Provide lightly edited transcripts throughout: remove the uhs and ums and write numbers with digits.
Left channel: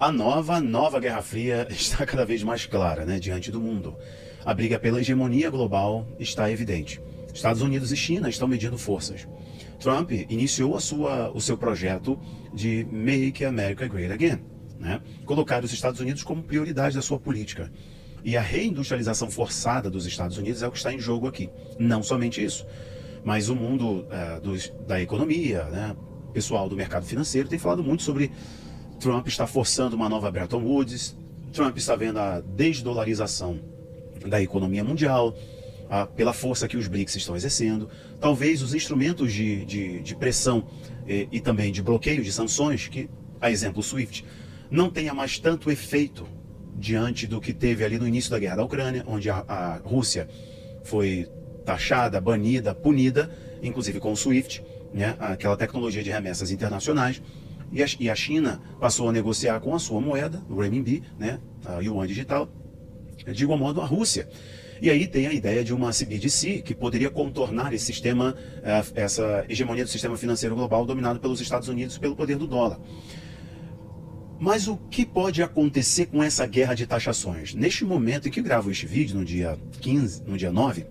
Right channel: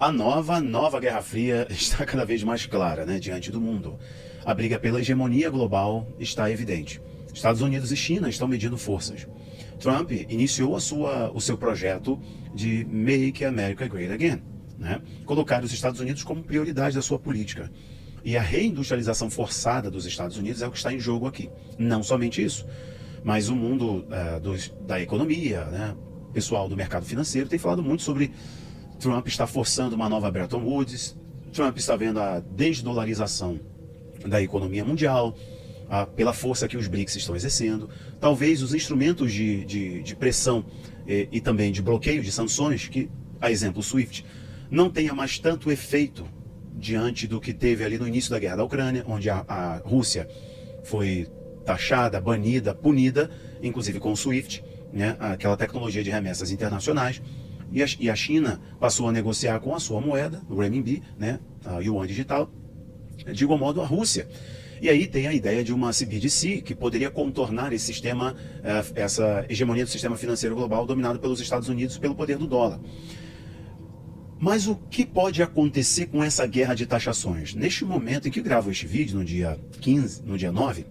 A nova Guerra Fria está cada vez mais clara, né, diante do mundo. A briga pela hegemonia global está evidente. Estados Unidos e China estão medindo forças. Trump iniciou o seu projeto de Make America Great Again, né? Colocar os Estados Unidos como prioridade da sua política. E a reindustrialização forçada dos Estados Unidos é o que está em jogo aqui. Não somente isso, mas o mundo da economia, né, pessoal do mercado financeiro, tem falado muito sobre Trump está forçando uma nova Bretton Woods, Trump está vendo a desdolarização da economia mundial, pela força que os BRICS estão exercendo, talvez os instrumentos de pressão e também de bloqueio de sanções, que, a exemplo, o SWIFT, não tenha mais tanto efeito diante do que teve ali no início da guerra da Ucrânia, onde a Rússia foi taxada, banida, punida, inclusive com o SWIFT, né, aquela tecnologia de remessas internacionais. E a China passou a negociar com a sua moeda, o renminbi, né, a yuan digital, de igual modo a Rússia. E aí tem a ideia de uma CBDC, que poderia contornar esse sistema, essa hegemonia do sistema financeiro global dominado pelos Estados Unidos pelo poder do dólar. Mas o que pode acontecer com essa guerra de taxações? Neste momento em que eu gravo este vídeo, no dia 9,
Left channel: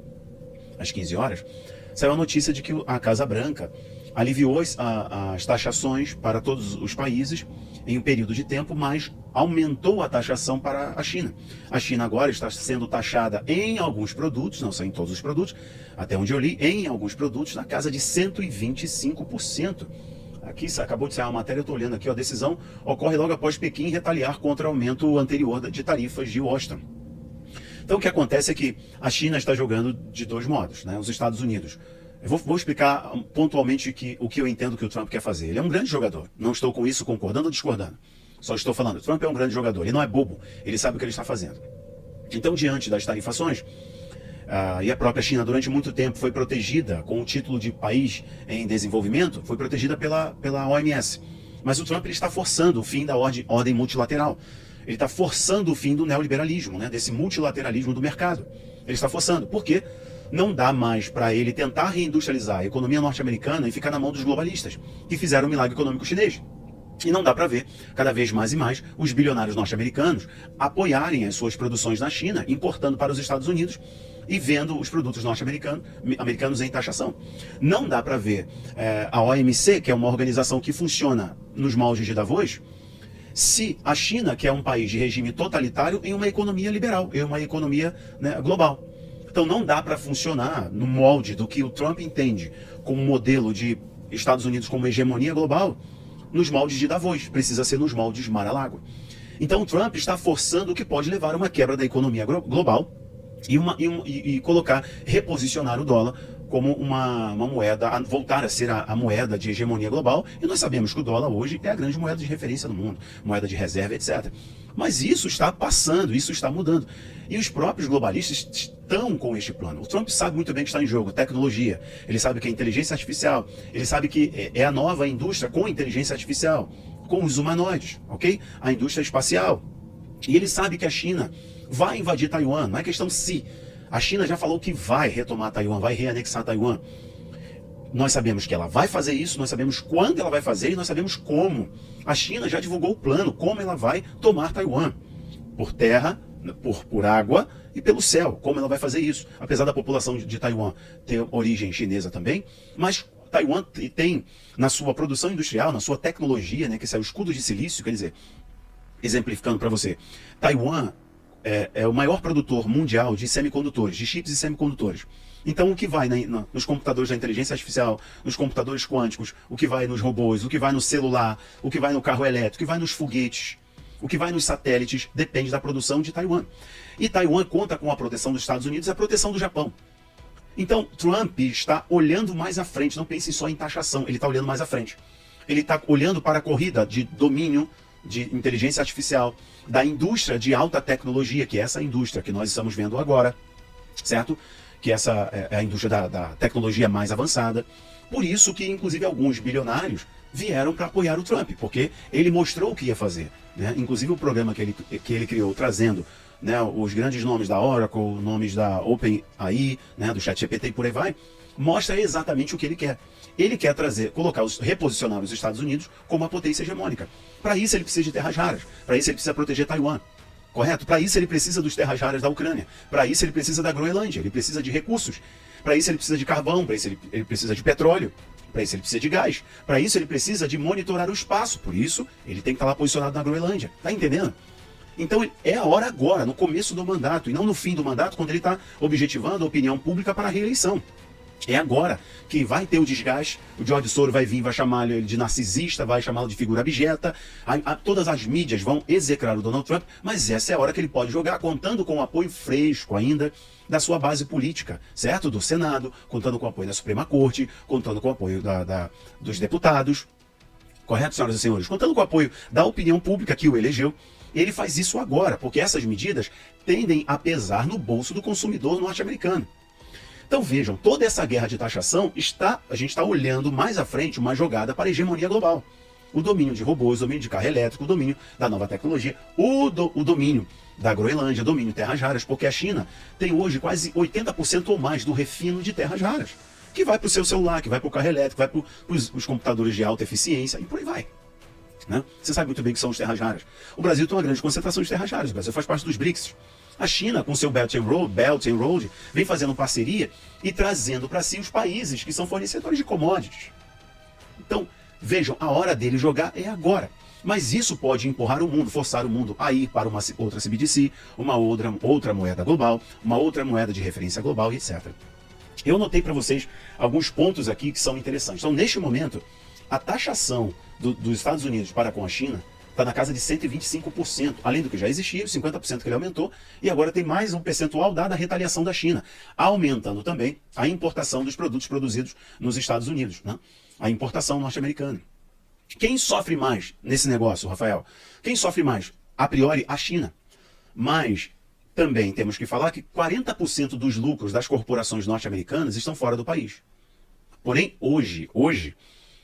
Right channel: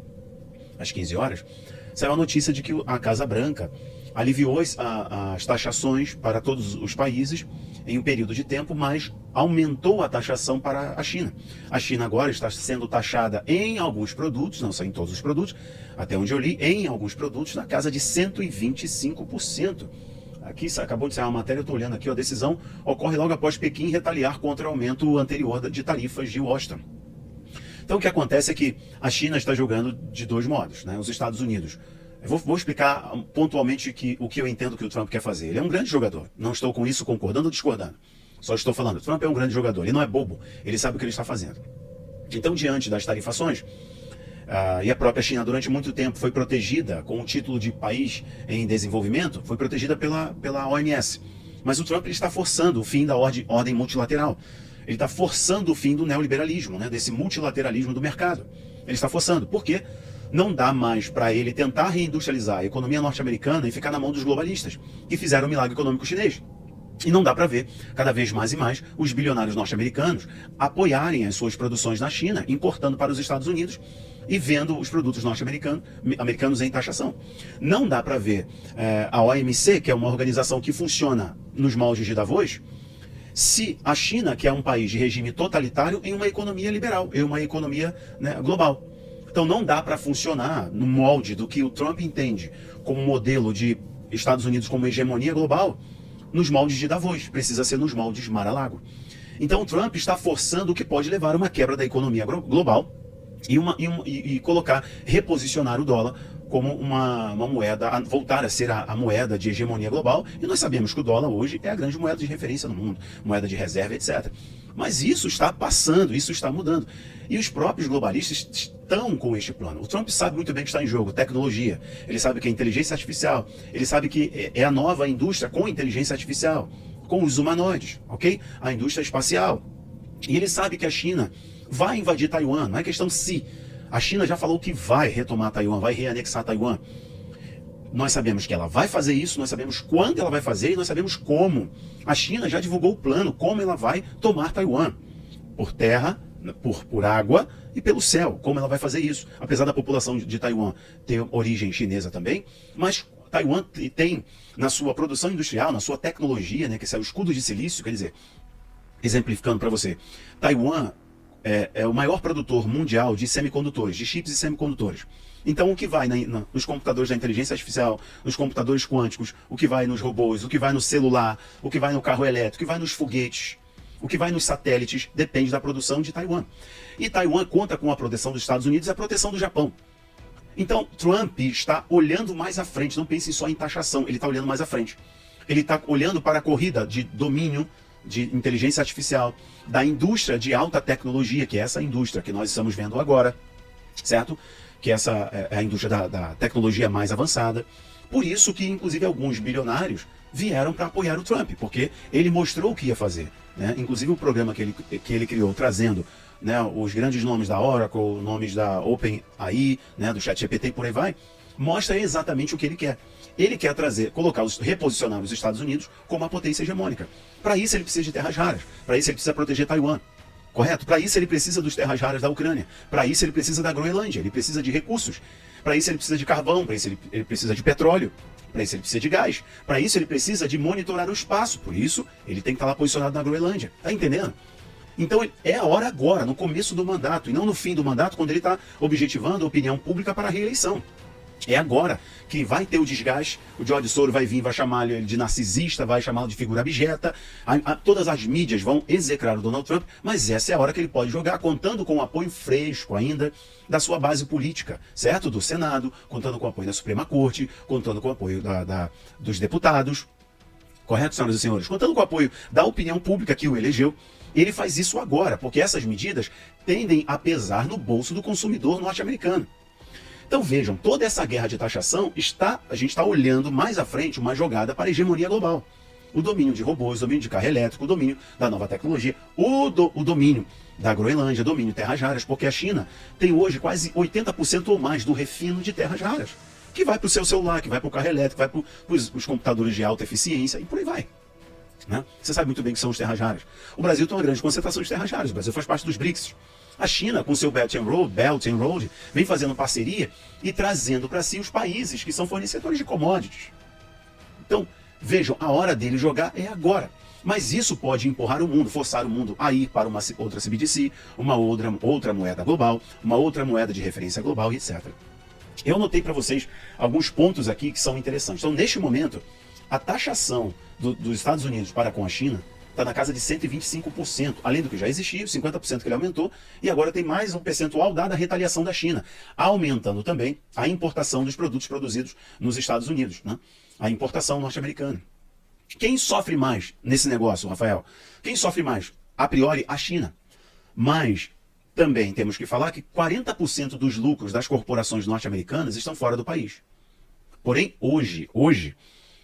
às 15 horas, saiu a notícia de que a Casa Branca aliviou as taxações para todos os países em um período de tempo, mas aumentou a taxação para a China. A China agora está sendo taxada em alguns produtos, não são em todos os produtos, até onde eu li, em alguns produtos na casa de 125%. Aqui acabou de sair uma matéria, eu estou olhando aqui, a decisão ocorre logo após Pequim retaliar contra o aumento anterior de tarifas de Washington. Então o que acontece é que a China está jogando de dois modos, né? Os Estados Unidos. Eu vou explicar pontualmente o que eu entendo que o Trump quer fazer. Ele é um grande jogador. Não estou com isso concordando ou discordando. Só estou falando, o Trump é um grande jogador. Ele não é bobo. Ele sabe o que ele está fazendo. Então, diante das tarifações, e a própria China durante muito tempo foi protegida com o título de país em desenvolvimento, foi protegida pela OMS. Mas o Trump ele está forçando o fim da ordem multilateral. Ele está forçando o fim do neoliberalismo, né, desse multilateralismo do mercado. Ele está forçando. Por quê? Não dá mais para ele tentar reindustrializar a economia norte-americana e ficar na mão dos globalistas, que fizeram o milagre econômico chinês. E não dá para ver, cada vez mais e mais, os bilionários norte-americanos apoiarem as suas produções na China, importando para os Estados Unidos e vendo os produtos norte-americanos em taxação. Não dá para ver a OMC, que é uma organização que funciona nos moldes de Davos, se a China, que é um país de regime totalitário, em uma economia liberal, em uma economia, né, global. Então não dá para funcionar no molde do que o Trump entende como modelo de Estados Unidos como hegemonia global, nos moldes de Davos, precisa ser nos moldes Mar-a-Lago. Então o Trump está forçando o que pode levar a uma quebra da economia global e reposicionar o dólar como uma moeda, voltar a ser a moeda de hegemonia global, e nós sabemos que o dólar hoje é a grande moeda de referência no mundo, moeda de reserva, etc. Mas isso está passando, isso está mudando. E os próprios globalistas estão com este plano. O Trump sabe muito bem que está em jogo tecnologia, ele sabe que é inteligência artificial, ele sabe que é a nova indústria com inteligência artificial, com os humanoides, ok? A indústria espacial. E ele sabe que a China vai invadir Taiwan, não é questão se. A China já falou que vai retomar Taiwan, vai reanexar Taiwan. Nós sabemos que ela vai fazer isso, nós sabemos quando ela vai fazer e nós sabemos como. A China já divulgou o plano, como ela vai tomar Taiwan. Por terra, por água e pelo céu, como ela vai fazer isso. Apesar da população de Taiwan ter origem chinesa também, mas Taiwan tem na sua produção industrial, na sua tecnologia, né, que é o escudo de silício, quer dizer, exemplificando para você, Taiwan é o maior produtor mundial de semicondutores, de chips e semicondutores. Então o que vai nos computadores da inteligência artificial, nos computadores quânticos, o que vai nos robôs, o que vai no celular, o que vai no carro elétrico, o que vai nos foguetes, o que vai nos satélites, depende da produção de Taiwan. E Taiwan conta com a proteção dos Estados Unidos e a proteção do Japão. Então Trump está olhando mais à frente, não pense só em taxação, ele está olhando mais à frente. Ele está olhando para a corrida de domínio de inteligência artificial, da indústria de alta tecnologia, que é essa indústria que nós estamos vendo agora, certo? Que essa é a indústria da tecnologia mais avançada. Por isso que, inclusive, alguns bilionários vieram para apoiar o Trump, porque ele mostrou o que ia fazer, né? Inclusive o programa que ele criou, trazendo, né, os grandes nomes da Oracle, nomes da OpenAI, né, do ChatGPT e por aí vai, mostra exatamente o que ele quer. Ele quer reposicionar os Estados Unidos como uma potência hegemônica. Para isso ele precisa de terras raras, para isso ele precisa proteger Taiwan. Correto? Para isso ele precisa dos terras raras da Ucrânia, para isso ele precisa da Groenlândia, ele precisa de recursos, para isso ele precisa de carvão, para isso ele precisa de petróleo, para isso ele precisa de gás, para isso ele precisa de monitorar o espaço, por isso ele tem que estar lá posicionado na Groenlândia. Tá entendendo? Então é a hora agora, no começo do mandato, e não no fim do mandato, quando ele está objetivando a opinião pública para a reeleição. É agora que vai ter o desgaste, o George Soros vai vir, vai chamar ele de narcisista, vai chamá-lo de figura abjeta, todas as mídias vão execrar o Donald Trump, mas essa é a hora que ele pode jogar, contando com o apoio fresco ainda da sua base política, certo? Do Senado, contando com o apoio da Suprema Corte, contando com o apoio dos deputados, correto, senhoras e senhores? Contando com o apoio da opinião pública que o elegeu. Ele faz isso agora, porque essas medidas tendem a pesar no bolso do consumidor norte-americano. Então vejam, toda essa guerra de taxação a gente está olhando mais à frente uma jogada para a hegemonia global. O domínio de robôs, o domínio de carro elétrico, o domínio da nova tecnologia, o domínio da Groenlândia, o domínio de terras raras, porque a China tem hoje quase 80% ou mais do refino de terras raras, que vai para o seu celular, que vai para o carro elétrico, vai para os computadores de alta eficiência e por aí vai. Né? Você sabe muito bem que são as terras raras. O Brasil tem uma grande concentração de terras raras, o Brasil faz parte dos BRICS. A China, com seu Belt and Road, vem fazendo parceria e trazendo para si os países que são fornecedores de commodities. Então, vejam, a hora dele jogar é agora. Mas isso pode empurrar o mundo, forçar o mundo a ir para uma outra CBDC, uma outra moeda global, uma outra moeda de referência global, etc. Eu notei para vocês alguns pontos aqui que são interessantes. Então, neste momento, a taxação dos Estados Unidos para com a China está na casa de 125%, além do que já existia, os 50% que ele aumentou, e agora tem mais um percentual dada a retaliação da China, aumentando também a importação dos produtos produzidos nos Estados Unidos, né? A importação norte-americana. Quem sofre mais nesse negócio, Rafael? Quem sofre mais? A priori, a China. Mas também temos que falar que 40% dos lucros das corporações norte-americanas estão fora do país. Porém, hoje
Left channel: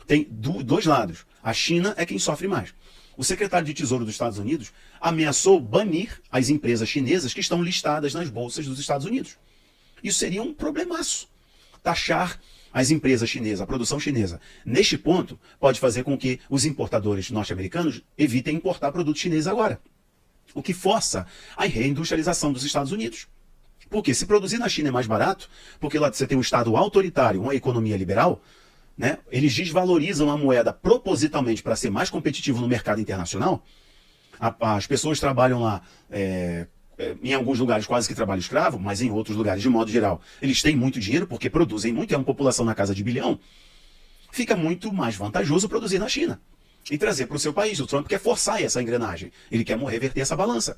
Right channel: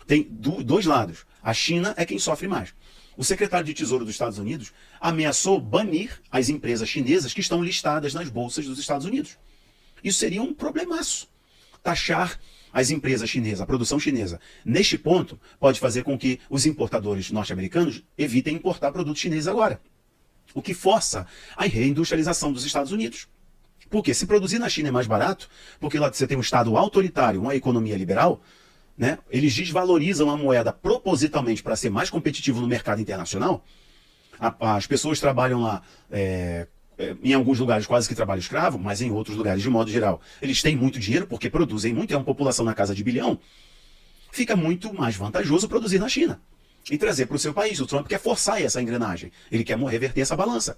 tem dois lados. A China é quem sofre mais. O secretário de Tesouro dos Estados Unidos ameaçou banir as empresas chinesas que estão listadas nas bolsas dos Estados Unidos. Isso seria um problemaço. Taxar as empresas chinesas, a produção chinesa, neste ponto, pode fazer com que os importadores norte-americanos evitem importar produtos chineses agora. O que força a reindustrialização dos Estados Unidos. Porque se produzir na China é mais barato, porque lá você tem um Estado autoritário, uma economia liberal, né? Eles desvalorizam a moeda propositalmente para ser mais competitivo no mercado internacional. As pessoas trabalham lá, em alguns lugares quase que trabalho escravo, mas em outros lugares, de modo geral, eles têm muito dinheiro porque produzem muito, é uma população na casa de bilhão. Fica muito mais vantajoso produzir na China e trazer para o seu país. O Trump quer forçar essa engrenagem, ele quer reverter essa balança.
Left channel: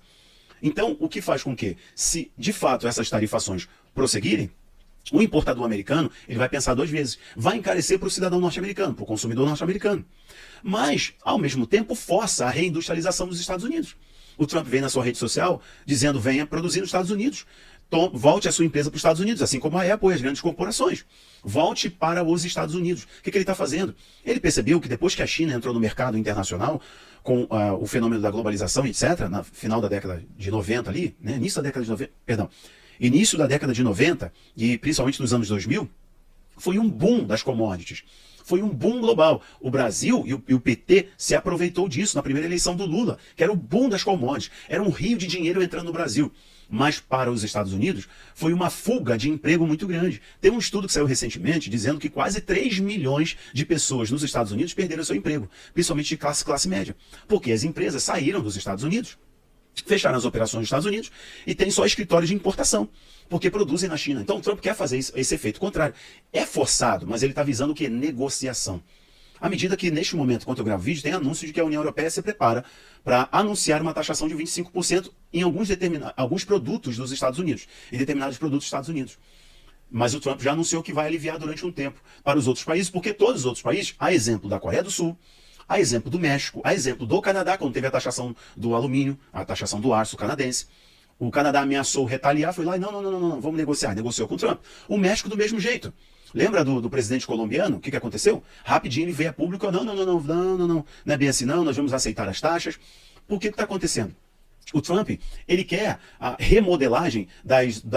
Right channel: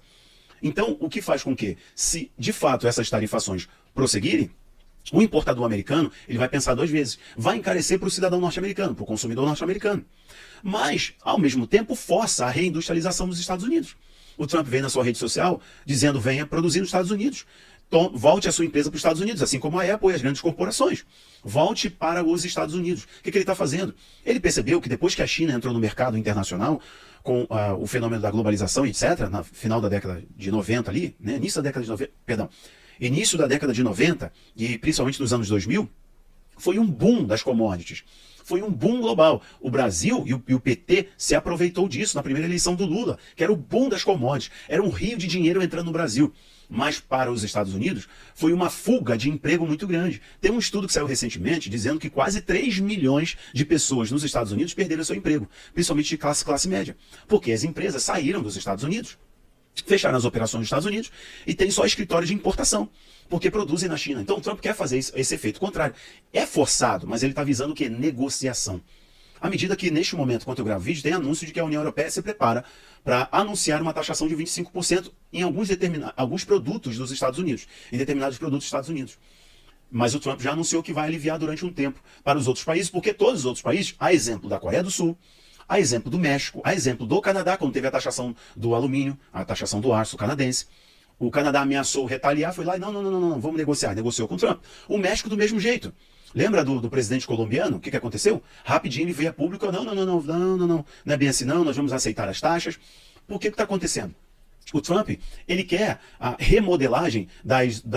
Então, o que faz com que, se de fato essas tarifações prosseguirem, o importador americano ele vai pensar duas vezes. Vai encarecer para o cidadão norte-americano, para o consumidor norte-americano. Mas, ao mesmo tempo, força a reindustrialização dos Estados Unidos. O Trump vem na sua rede social dizendo venha produzir nos Estados Unidos. Volte a sua empresa para os Estados Unidos, assim como a Apple e as grandes corporações. Volte para os Estados Unidos. O que ele está fazendo? Ele percebeu que depois que a China entrou no mercado internacional, com o fenômeno da globalização, etc., no final da década de 90 ali, né, início da década de 90 e principalmente nos anos 2000, foi um boom das commodities. Foi um boom global. O Brasil e o PT se aproveitou disso na primeira eleição do Lula, que era o boom das commodities. Era um rio de dinheiro entrando no Brasil. Mas para os Estados Unidos foi uma fuga de emprego muito grande. Tem um estudo que saiu recentemente dizendo que quase 3 milhões de pessoas nos Estados Unidos perderam seu emprego, principalmente de classe média, porque as empresas saíram dos Estados Unidos, fecharam as operações dos Estados Unidos e tem só escritório de importação, porque produzem na China. Então o Trump quer fazer esse efeito contrário. É forçado, mas ele está visando o quê? Negociação. À medida que, neste momento, quando eu gravo vídeo, tem anúncio de que a União Europeia se prepara para anunciar uma taxação de 25% em alguns produtos dos Estados Unidos, em determinados produtos dos Estados Unidos. Mas o Trump já anunciou que vai aliviar durante um tempo para os outros países, porque todos os outros países, a exemplo da Coreia do Sul, a exemplo do México, a exemplo do Canadá, quando teve a taxação do alumínio, a taxação do aço canadense, o Canadá ameaçou retaliar, foi lá e não, vamos negociar. Negociou com o Trump. O México do mesmo jeito. Lembra do presidente colombiano? O que aconteceu? Rapidinho ele veio a público, não é bem assim não, nós vamos aceitar as taxas. Por que está acontecendo? O Trump, ele quer a remodelagem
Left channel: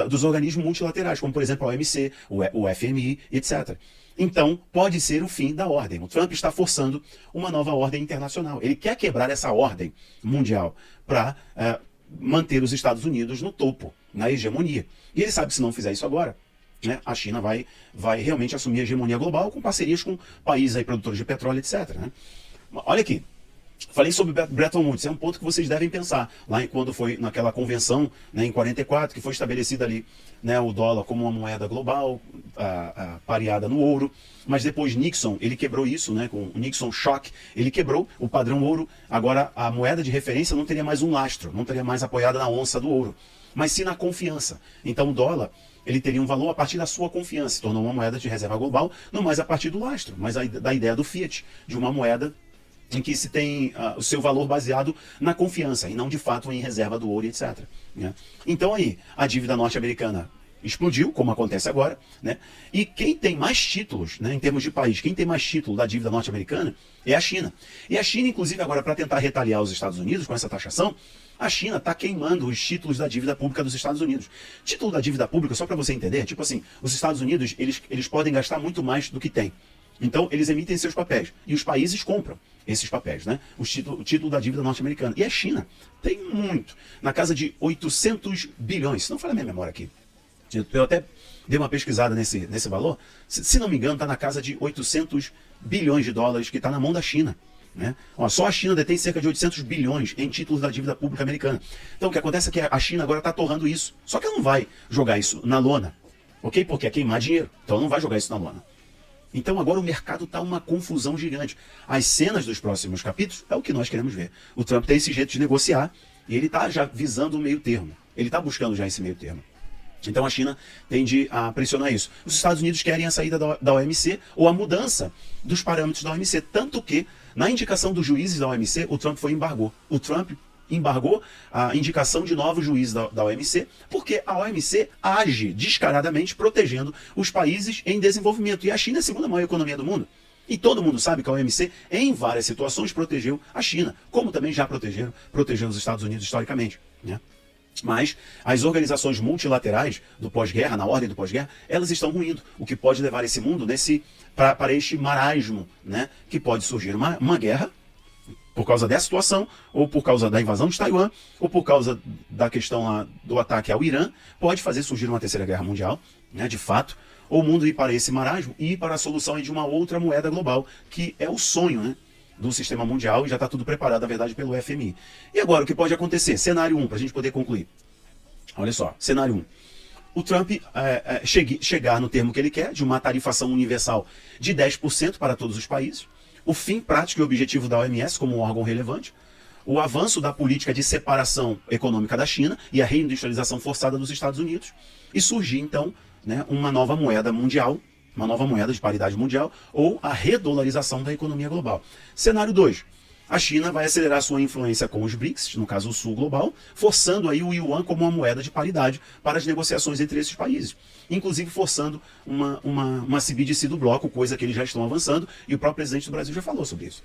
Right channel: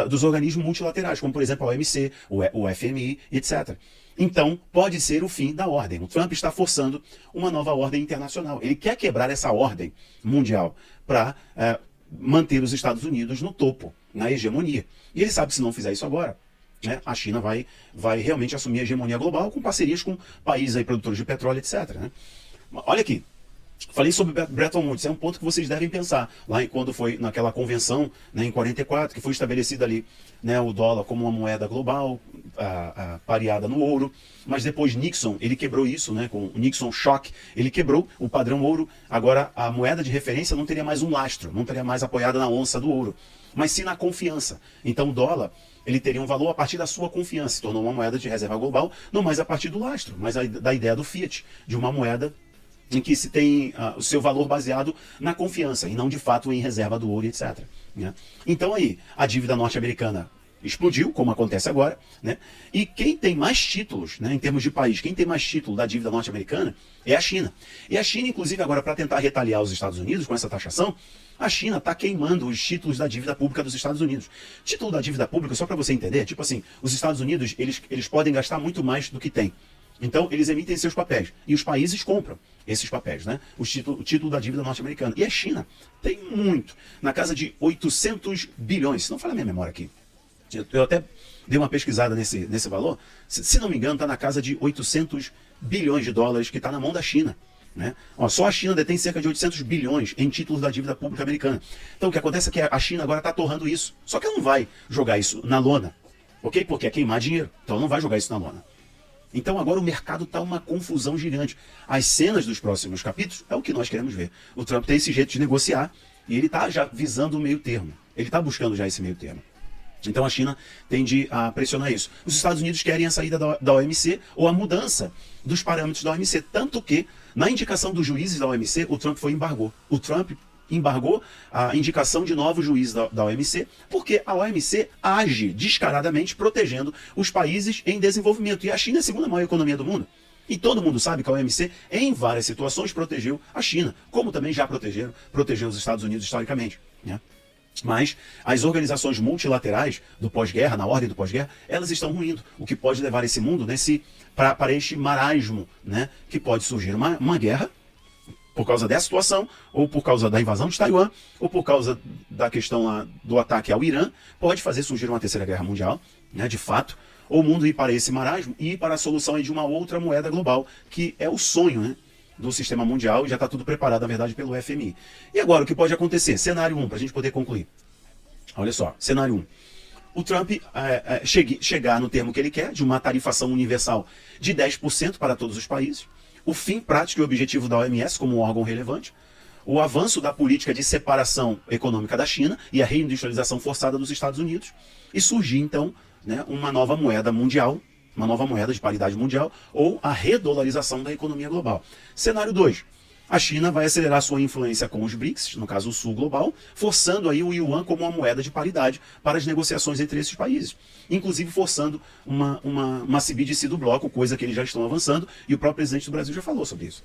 dos organismos multilaterais, como por exemplo a OMC, o FMI, etc. Então, pode ser o fim da ordem. O Trump está forçando uma nova ordem internacional. Ele quer quebrar essa ordem mundial para manter os Estados Unidos no topo, na hegemonia. E ele sabe que se não fizer isso agora, né, a China vai realmente assumir a hegemonia global com parcerias com países aí, produtores de petróleo, etc. Né? Olha aqui. Falei sobre Bretton Woods, é um ponto que vocês devem pensar. Lá quando foi naquela convenção, né, em 44, que foi estabelecida ali, né, o dólar como uma moeda global, pareada no ouro. Mas depois Nixon, ele quebrou isso, né, com o Nixon Shock, ele quebrou o padrão ouro. Agora a moeda de referência não teria mais um lastro, não teria mais apoiada na onça do ouro, mas sim na confiança. Então o dólar, ele teria um valor a partir da sua confiança, se tornou uma moeda de reserva global, não mais a partir do lastro, mas da ideia do fiat, de uma moeda em que se tem o seu valor baseado na confiança e não de fato em reserva do ouro, etc. Né? Então aí, a dívida norte-americana explodiu, como acontece agora, né? E quem tem mais títulos, né, em termos de país, quem tem mais título da dívida norte-americana é a China. E a China, inclusive agora, para tentar retaliar os Estados Unidos com essa taxação, a China está queimando os títulos da dívida pública dos Estados Unidos. Título da dívida pública, só para você entender, tipo assim, os Estados Unidos, eles podem gastar muito mais do que tem. Então, eles emitem seus papéis. E os países compram esses papéis, né? O título da dívida norte-americana. E a China tem muito. Na casa de 800 bilhões. Se não falha a minha memória aqui. Eu até dei uma pesquisada nesse valor. Se não me engano, está na casa de 800 bilhões de dólares que está na mão da China. Né? Ó, só a China detém cerca de 800 bilhões em títulos da dívida pública americana. Então, o que acontece é que a China agora está torrando isso. Só que ela não vai jogar isso na lona. Ok? Porque é queimar dinheiro. Então, ela não vai jogar isso na lona. Então agora o mercado está uma confusão gigante. As cenas dos próximos capítulos é o que nós queremos ver. O Trump tem esse jeito de negociar e ele está já visando o meio termo. Ele está buscando já esse meio termo. Então a China tende a pressionar isso. Os Estados Unidos querem a saída da OMC ou a mudança dos parâmetros da OMC. Tanto que, na indicação dos juízes da OMC, o Trump embargou. O Trump embargou a indicação de novos juízes da OMC, porque a OMC age descaradamente protegendo os países em desenvolvimento. E a China é a segunda maior economia do mundo. E todo mundo sabe que a OMC, em várias situações, protegeu a China, como também já protegeu os Estados Unidos historicamente. Né? Mas as organizações multilaterais do pós-guerra, na ordem do pós-guerra, elas estão ruindo, o que pode levar esse mundo para este marasmo, né? Que pode surgir uma guerra, por causa dessa situação, ou por causa da invasão de Taiwan, ou por causa da questão do ataque ao Irã, pode fazer surgir uma terceira guerra mundial, né, de fato, ou o mundo ir para esse marasmo e ir para a solução de uma outra moeda global, que é o sonho, né, do sistema mundial, e já está tudo preparado, na verdade, pelo FMI. E agora, o que pode acontecer? Cenário 1, para a gente poder concluir. Olha só, cenário 1. O Trump chegar no termo que ele quer, de uma tarifação universal de 10% para todos os países, o fim prático e objetivo da OMS como um órgão relevante, o avanço da política de separação econômica da China e a reindustrialização forçada dos Estados Unidos, e surgir, então, né, uma nova moeda mundial, uma nova moeda de paridade mundial, ou a redolarização da economia global. Cenário 2. A China vai acelerar sua influência com os BRICS, no caso o Sul Global, forçando aí o Yuan como uma moeda de paridade para as negociações entre esses países. Inclusive forçando uma CBDC do bloco, coisa que eles já estão avançando, e o próprio presidente do Brasil já falou sobre isso.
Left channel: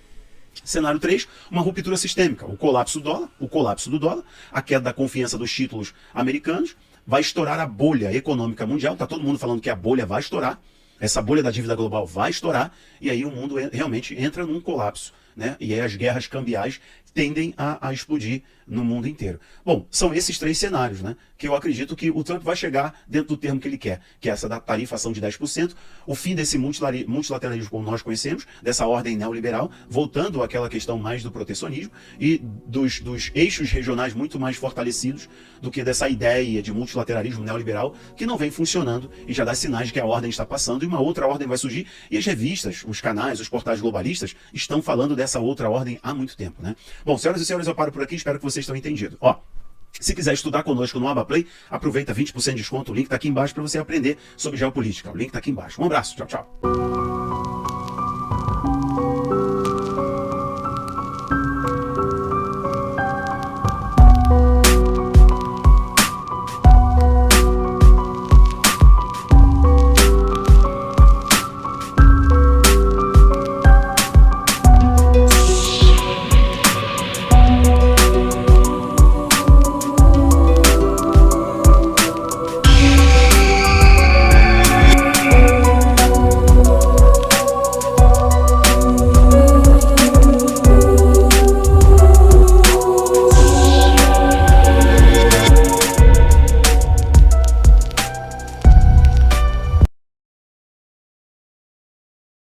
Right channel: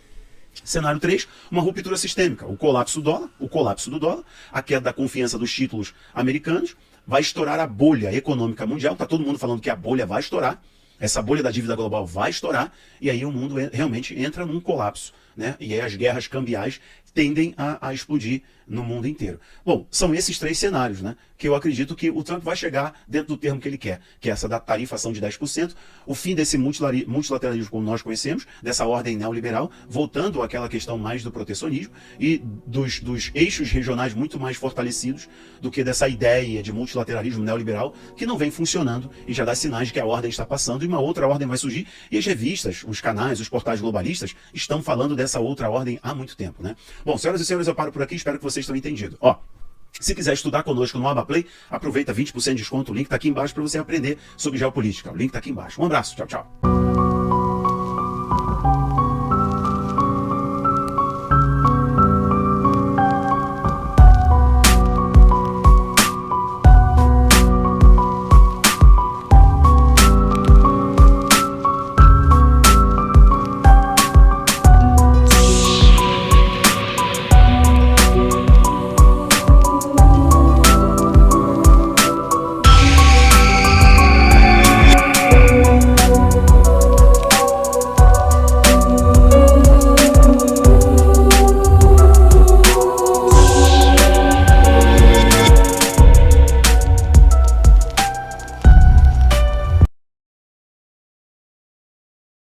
Cenário 3, uma ruptura sistêmica, o colapso do dólar, a queda da confiança dos títulos americanos, vai estourar a bolha econômica mundial, está todo mundo falando que a bolha vai estourar, essa bolha da dívida global vai estourar, e aí o mundo realmente entra num colapso. Né? E aí as guerras cambiais tendem a explodir no mundo inteiro. Bom, são esses três cenários, né, que eu acredito que o Trump vai chegar dentro do termo que ele quer, que é essa da tarifação de 10%, o fim desse multilateralismo como nós conhecemos, dessa ordem neoliberal, voltando àquela questão mais do protecionismo e dos eixos regionais muito mais fortalecidos do que dessa ideia de multilateralismo neoliberal que não vem funcionando e já dá sinais de que a ordem está passando e uma outra ordem vai surgir. E as revistas, os canais, os portais globalistas estão falando dessa outra ordem há muito tempo, né? Bom, senhoras e senhores, eu paro por aqui, espero que vocês tenham entendido. Ó, se quiser estudar conosco no AbaPlay, aproveita 20% de desconto, o link está aqui embaixo para você aprender sobre geopolítica. O link está aqui embaixo. Um abraço, tchau, tchau.